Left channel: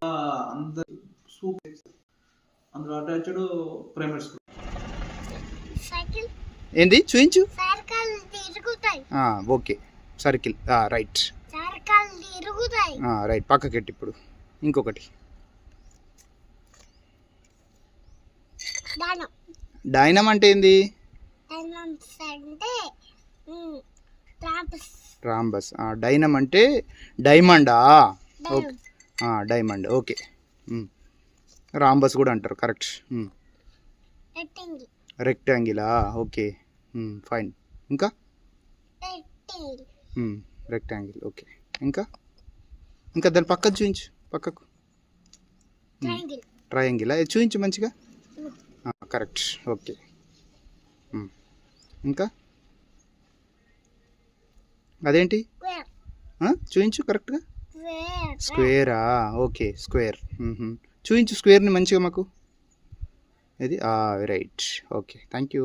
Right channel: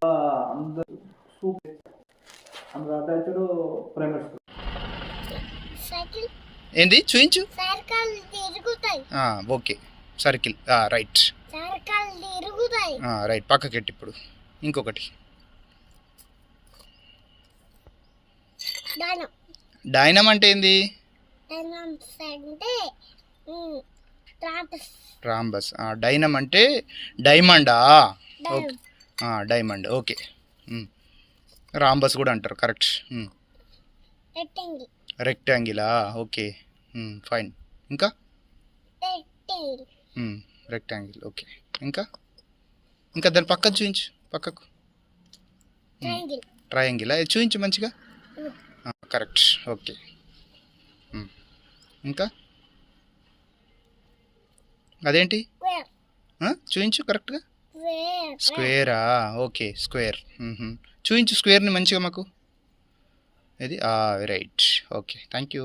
అందరు సూపర్ అందులో attached primary school. Cycle ఏంటి చూయించు. సర్కిల్ తిరుగుతాయి. Okay circle right. సర్కిల్ తిరుగుతాయి. రైట్ పక్కకెట్టి. ఇప్పుడు ఇంకొకటి దానం. డైనమ్ అంటే ఏంది? డైనమ్స్ అంటే ట్రాంపస్. రాంబస్. డైనమ్ అంటే డైమండా? Okay diamond. ఓకే రాంబస్ కూడా అంటారు. కరెక్ట్. రెక్టాంగిల్. రెక్టాంగిలా? Okay fine. ఇంకా రెక్టాంగిల్. రెక్టాంగిల్. ఓకే ఇంకా ఇంకా దాని పక్కకు చూయించు. పక్కకు ట్రయాంగిల్. ట్రయాంగిల్ అది చూయించు మంచిగా. కరెక్ట్. ఓకే ఇంకా అదేంటి చూయించు కరెక్ట్గా. స్క్వేరా? Okay square. చూయించు స్క్వేర్ని మంచిగా మాకు. ఇది రైట్. Okay thank you.